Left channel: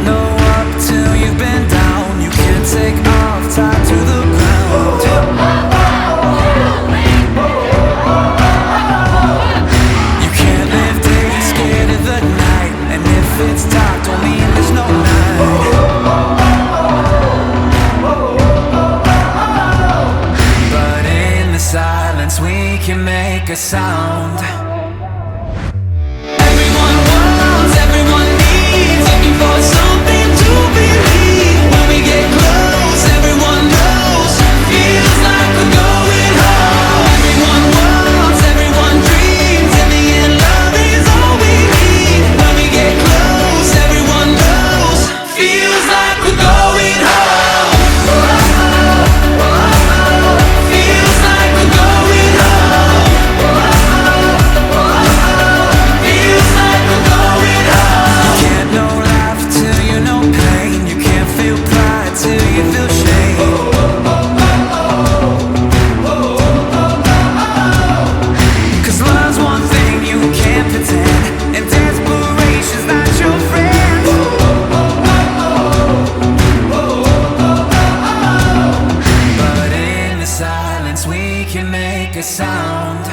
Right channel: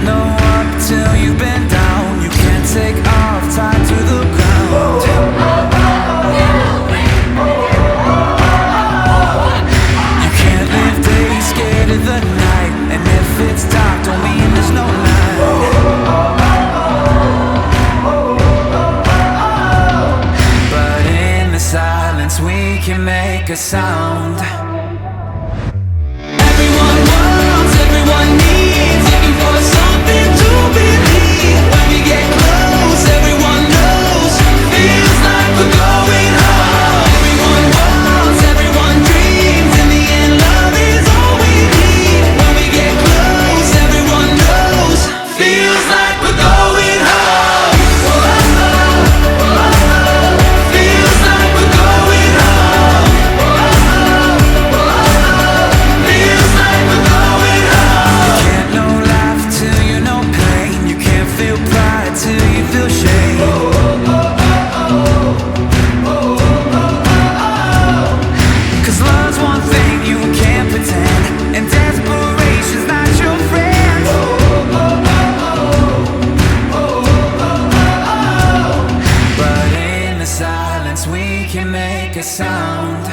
can't know up till you've been down. You can't take off tied to the ground. You can't live days scared of the night, and if it's dark don't mean there's no night. But in the silence we can make a sound. Everyone wants, everyone needs, looking for something to believe. When we get close, everyone knows, feels like we're going home. Everyone wants, everyone dreams, in the end love is all we need. When we get close, everyone knows, feels like we're going home. Feels like we're going home. Feels like we're going home. You can't know life till you know pain. You can't feel pride till you feel shame. Cause love's one thing you can't pretend, and desperation's not your friend. But in the silence we can make a sound.